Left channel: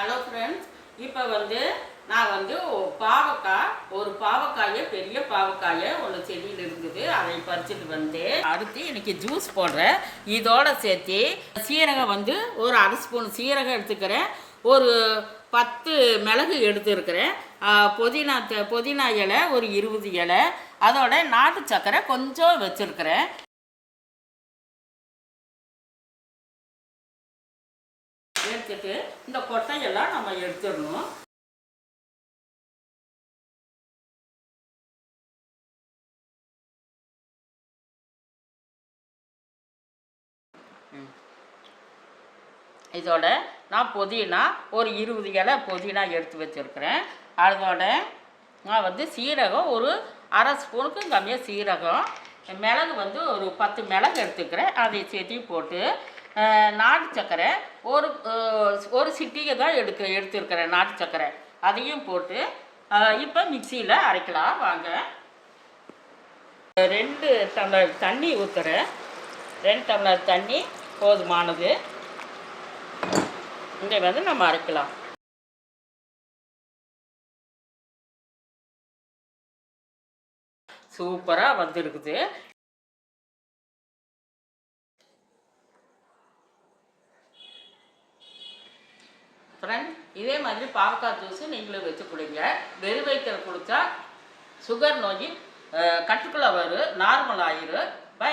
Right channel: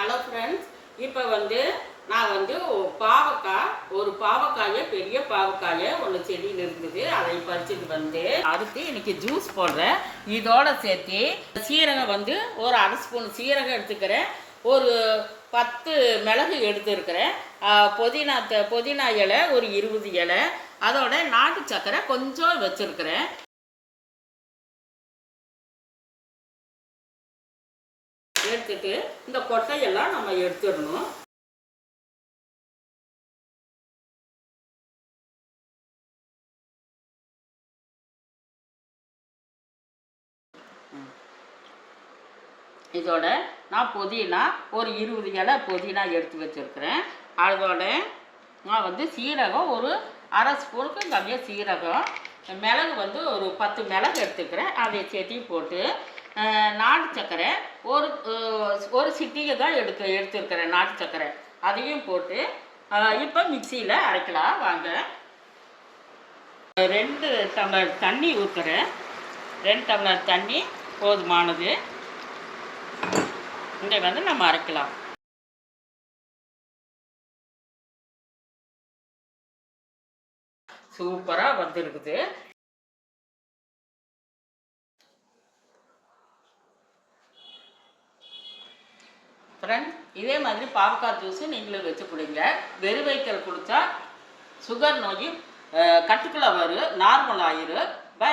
Hello friends இப்போ வந்து நான் வந்து பாவக்காய் ஒரு பாவக்காயை பெரிய பாவக்காயை ஒரு செடியில் இருந்தது. அதை பறிச்சுட்டு வந்து அடுத்து இன்னைக்கு ஜூஸ் போடுறேன். இதோட சேர்த்து சீரகம் வந்து ஒரு அரை ஸ்பூன் சீரகம் எடுத்துக்கிறேன். ஒரு பத்து மிளகு எடுத்துருக்கிறேன். புதினா த- புதினா இலை ஒரு இருபது இலை. அதோட நாட்டு சக்கரை கொஞ்சம் வச்சுருக்கிறேன். எடுத்துட்டு இந்த கொட்டையெல்லாம் நம்ம எடுத்துடணும். இதோட நான் புதினா ஒரு இருபது இலை புதினா எடுத்து வச்சுருக்கிறேன். அதோட நான் வந்து சீரகம் ஒரு அரை ஸ்பூனுக்கு கம்மியாக சீரகம். மிளகு வந்து ஒரு பத்து மிளகு எடுத்துக்கிறேன். அதை சேர்த்தையும் போட்டு நாட்டு சர்க்கரை ஒரு ஒரு சிட்டியை தான் எடுக்க எடுத்துருக்கிறேன் நாட்டு சர்க்கரை அதையும் போட்டு இப்போ மிக்சியில் அரைக்கலாம். வாங்க. ரெண்டு டம்ளர் தண்ணி ஊற்றுறேன் ரெண்டு டம்ளர் தண்ணி போதுமானது. இதை வந்து நம்ம அரைக்கலாம். சூப்பராக வந்துருக்குது. ஃப்ரெண்ட் இதே மாதிரி பாவக்காய் ஜூஸு நீங்களும் வச்சு குடிங்க. வெறும் வயிற்றில் குடித்தா சுகர் நோய் கட்டுக்குள்ளே வரும். நார்மல் ஆயிரும். பை